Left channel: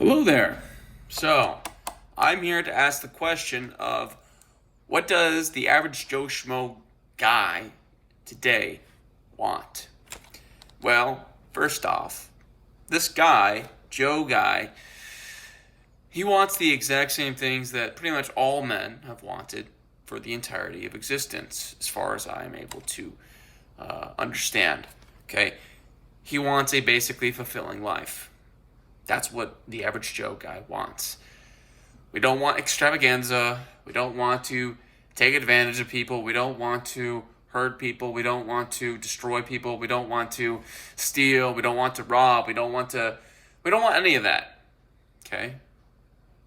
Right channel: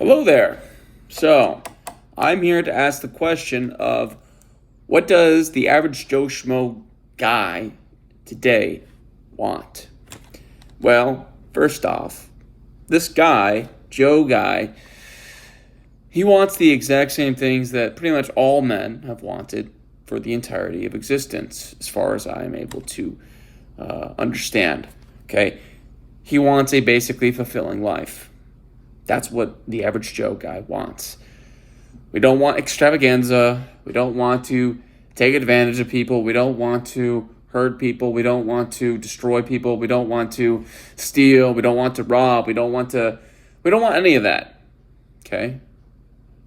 Hello there. So, I'm here to ask the question of what does the average Joe Schmo guy today want? Well, first off, this guy, Joe guy, he wants the exact same things that pretty much all men have wanted for the entirety of existence, as far as I'm able to understand. Okay? He wants a basically fulfilling life. That's what the average Joe guy wants. We don't want extravaganza. We don't want to take advantage of people. We don't want to hurt people. We don't want to destroy people. We don't want to steal. We don't want to rob. We don't want any of that. Okay?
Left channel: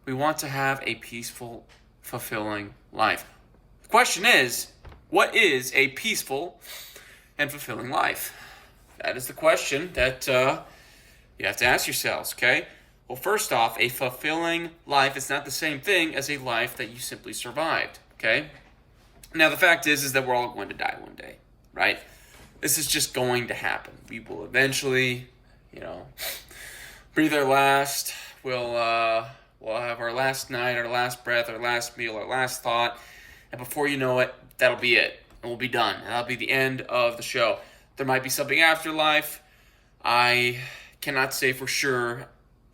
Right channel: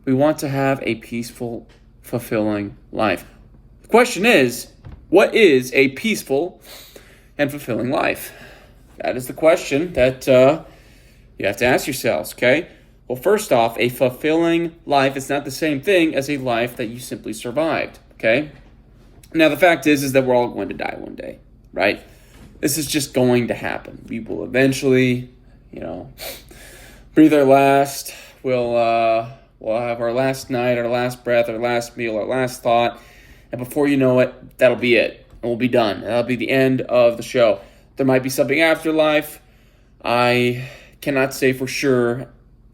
We want to have a peaceful, fulfilling life. The question is, what is a peaceful and fulfilling life? That is the question that you have to ask yourselves, okay? Well, first off, a fulfilling life is not the same thing as a life that you simply survived, okay? Now, the fact is that we're all going to die one day, right? This is just going to happen. We will eventually, breathe our last. We'll have our last night, our last breath, our last meal, our last thought. And before you know it, that'll be it. And we'll be done. That'll be the end of the show. There might be something after life. I cannot say for sure,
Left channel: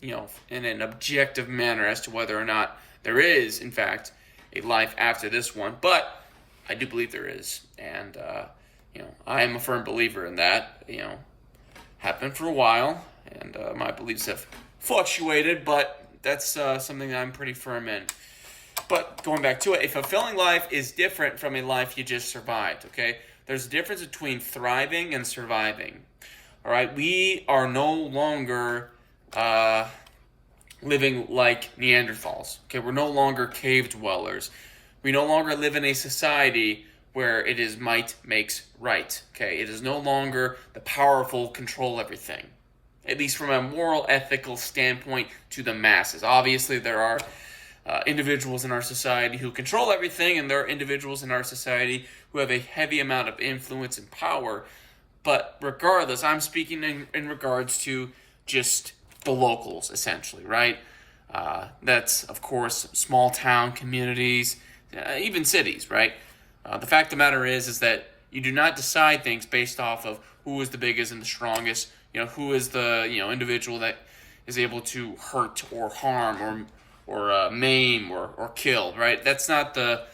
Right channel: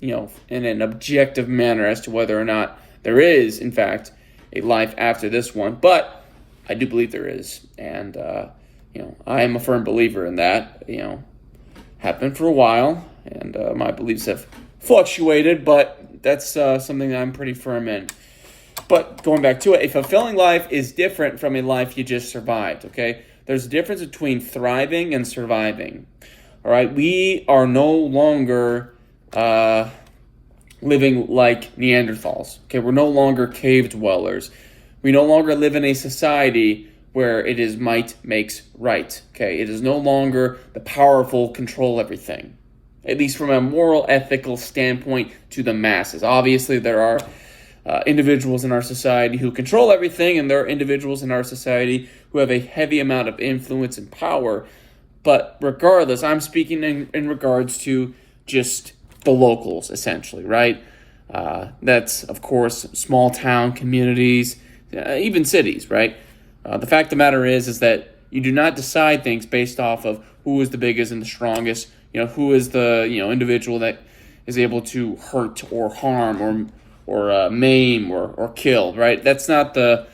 in an objective manner as to whether or not there is, in fact, a life after this one. But I do believe there is. And, I am a firm believer in that. Have been for a while. And my beliefs have fluctuated, but that's something that I'm pretty firm in. But going back to it, a fulfilling life is different from a life you just survived, okay? There's a difference between thriving and surviving. All right, we are no longer living like Neanderthals. Okay, we're no longer cave dwellers. We no longer live in a society where it is might makes right. Okay, it is no longer the powerful control everything, at least from a moral, ethical standpoint to the masses. Obviously, there are individuals in our society who control everything, and there are individuals in our society who have a heavy amount of influence and power. But regardless, I'm speaking in regards to just the locals, essentially, right? That's, of course, small town communities, even cities, right? The fact of the matter is that you do not decide things based off of who is the biggest and the strongest, who is the, individual that is able to hurt or harm or maim or kill, right? That's not the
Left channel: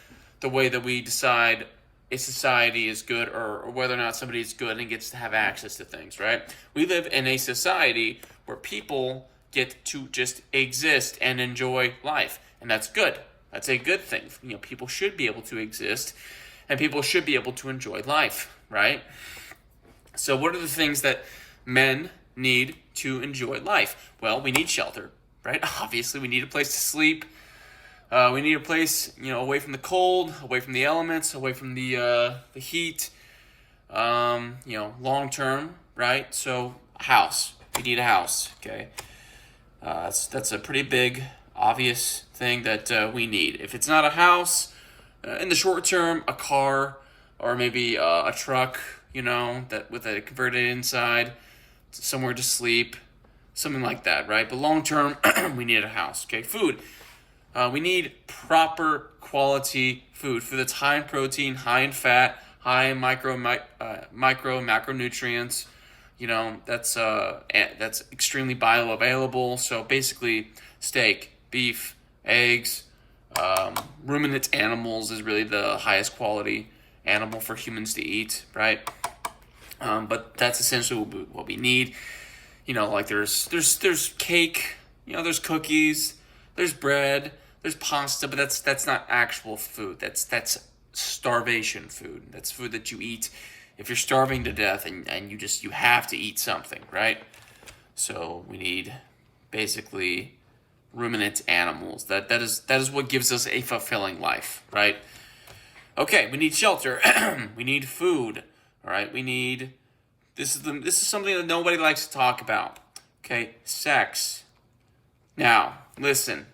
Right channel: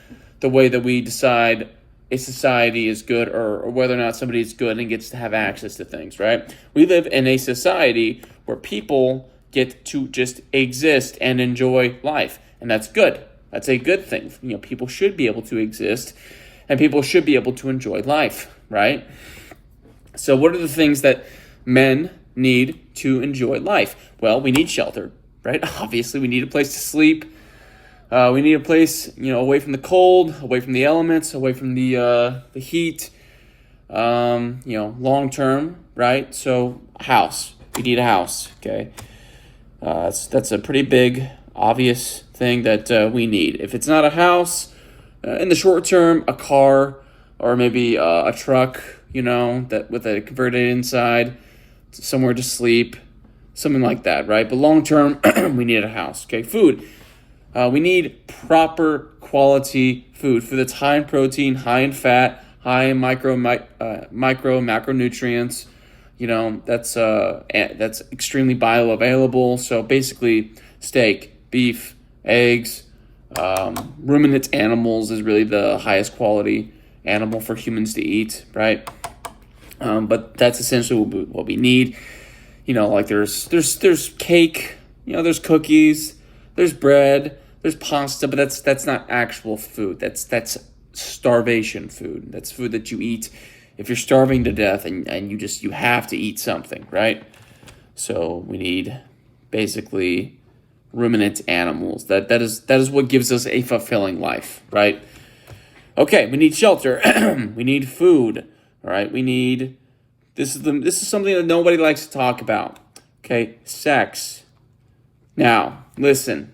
way that we decide a society is good or whether or not somebody is good and gets to have access to things, right? We live in a society where people get to just exist and enjoy life, and that's good. That's a good thing. People should be able to exist, and people should be able to enjoy life, right? So what are the things that men need to enjoy life? Well, we need shelter, right? Obviously, we need a place to sleep. We need a place, away from the cold, away from the elements, away from the heat, long term, right? So, a house. We need a house, okay? That's a pretty big, obvious thing that we need. If it's not a house, in the short term, a car or maybe a truck, that with a converted inside, somewhere to sleep, something like that, right? But long term, we need a house, okay? Food. We need proper quality food that's high in protein, high in fat, high in macronutrients. That's extremely bioavailable. So basically, steak, beef, eggs, ruminant animals is really the highest quality animal for humans to eat, right? But that's essentially what we need. Like there's cake, there's cookies, there's bread, there's pasta, but that's not actual food. That's starvation food. That's food that you eat if you're starving to death and you have to eat something, right? So we need basically ruminant animals. That is what gives us a fulfilling life, right? Okay, we need shelter. We need food. All right, this is something that nobody likes to talk about. Okay, sex. Now, listen.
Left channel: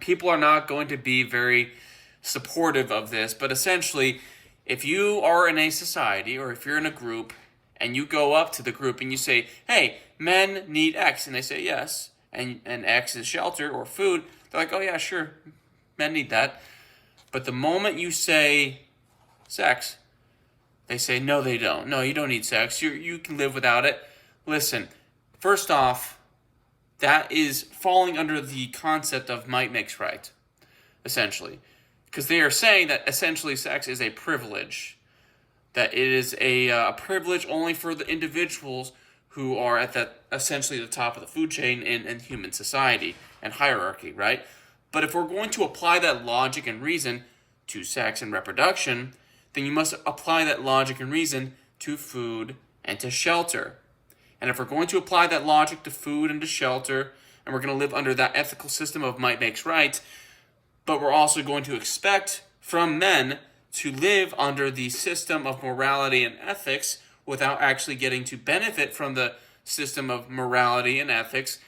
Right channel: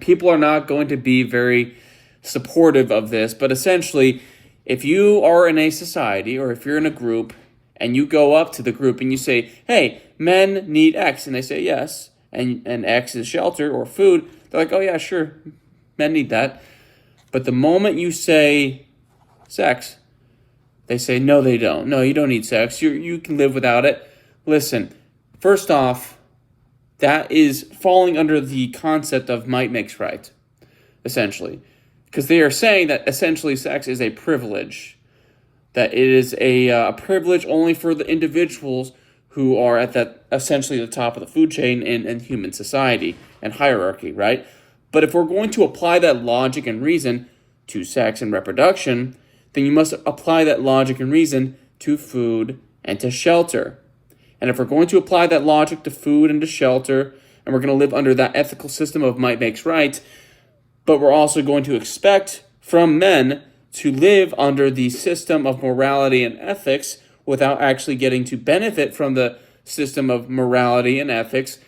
People are not going to be very supportive of this, but essentially, if you are in a society or if you're in a group and you go up to the group and you say, "Hey, men need X," and they say yes, and X is shelter or food, they're like, oh yeah, sure, men need that. But the moment you say sex, they say, no, they don't. No, you don't need sex. You can live without it. Listen, first off, that is falling under the concept of might makes right, essentially. Because they are saying that essentially sex is a privilege, that it is a privilege only for the individuals who are at that essentially the top of the food chain in human society and hierarchy, right? But if we're going to apply that logic and reason to sex and reproduction, then you must apply that logic and reason to food and to shelter. And if we're going to apply that logic to food and to shelter, and we're going to live under that ethical system of might makes right, but we're also going to expect from men to live under the system of morality and ethics without actually getting to benefit from the system of morality and ethics,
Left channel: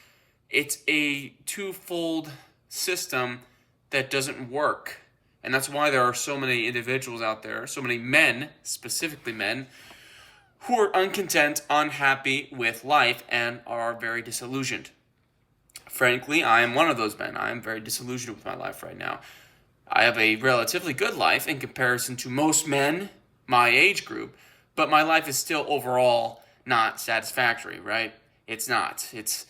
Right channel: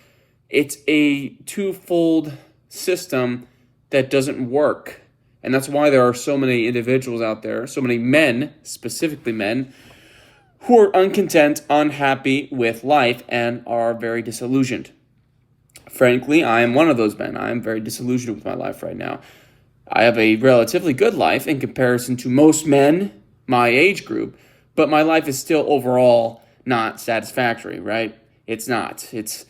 it's a twofold system that doesn't work. And that's why there are so many individuals out there, so many men, specifically men, who are uncontent, unhappy with life, and are very disillusioned. Frankly, I am one of those men. I am very disillusioned with my life right now. I have a relatively good life in comparison to most men my age group, but my life is still overall not satisfactory, right? It's not. It's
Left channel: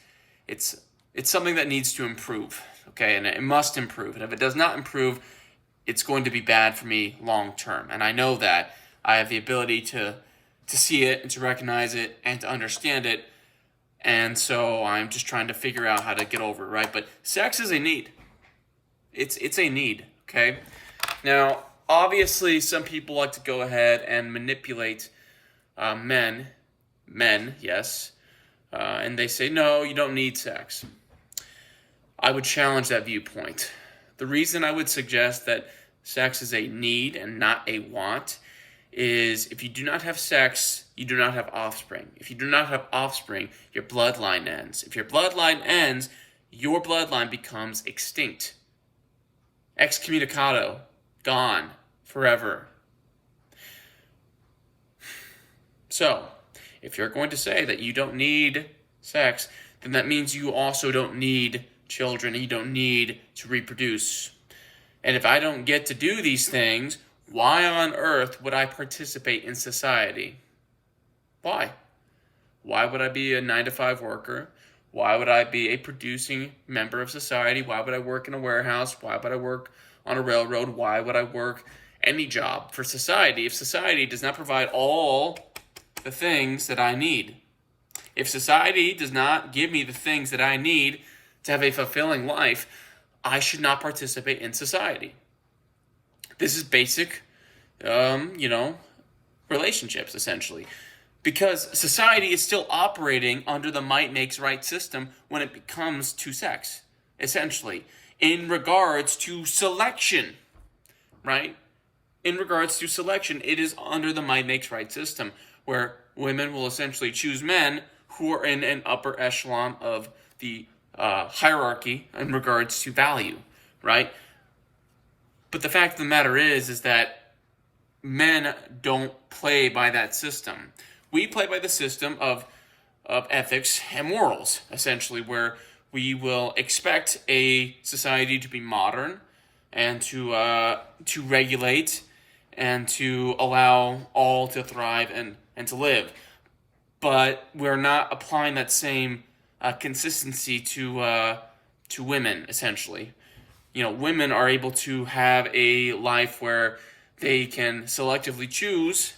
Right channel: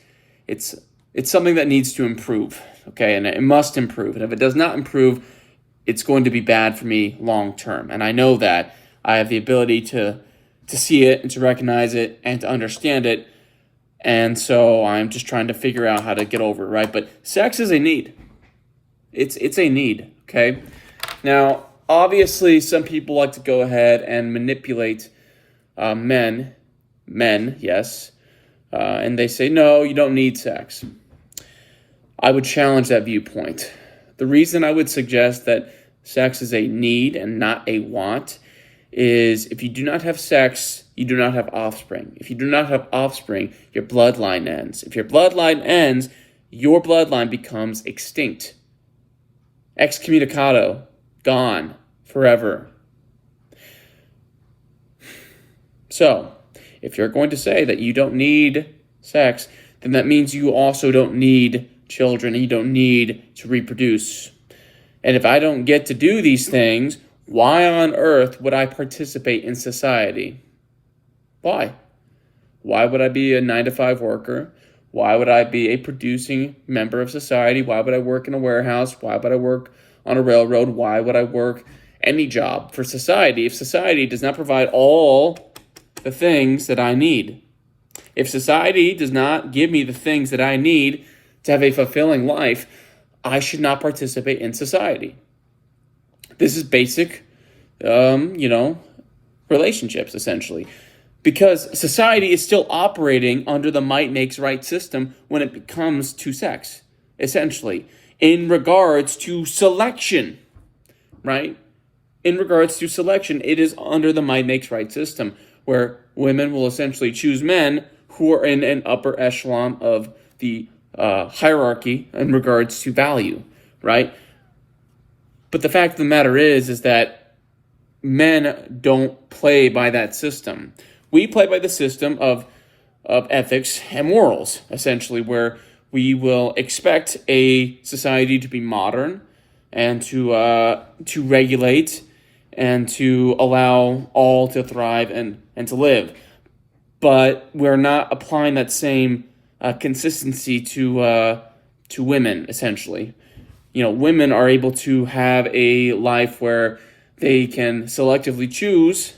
something that needs to improve, okay? And it must improve. And if it does not improve, it's going to be bad for me long term. And I know that. I have the ability to see it and to recognize it and to understand it. And so I'm just trying to figure out how to get over it, right? But sex is a need. It's a need, okay? Now, obviously, some people like to go ahead and manipulate men, yes, and they say, no, you don't need sex. I would challenge that viewpoint. The reason I would suggest that sex is a need and not a want is if you do not have sex, you do not have offspring. If you do not have offspring, your bloodline ends. If your bloodline ends, your bloodline becomes extinct. Excommunicado, gone, forever. So, if you're going to say that you don't need sex, then that means you also don't need children, and you don't need to reproduce. And if I don't get to do these things, why on earth would I participate in society? Why? Why would I be a 9-to-5 worker? Why would I be a producing member of society? Why would I work in a warehouse? Why would I work on a railroad? Why would I work any job for society if society does not provide all the things that I need? If society does not give me the things that I need to have a fulfilling life, I should not participate in society. This is basic, relationships, essentially. Because society is still operating under the might makes right system when it comes to sex, essentially, in regards to selection, right? In regards to selection, it is under the might makes right system, where women will essentially choose men who are in an upper echelon of the hierarchy in regards to value, right? But the fact of the matter is that men don't play by that system. We play by the system of ethics and morals, essentially, where we will expect a society to be modern and to regulate and to allow all to thrive and to live. But we're not applying that same consistency to women, essentially. Women are able to have a life where they can selectively choose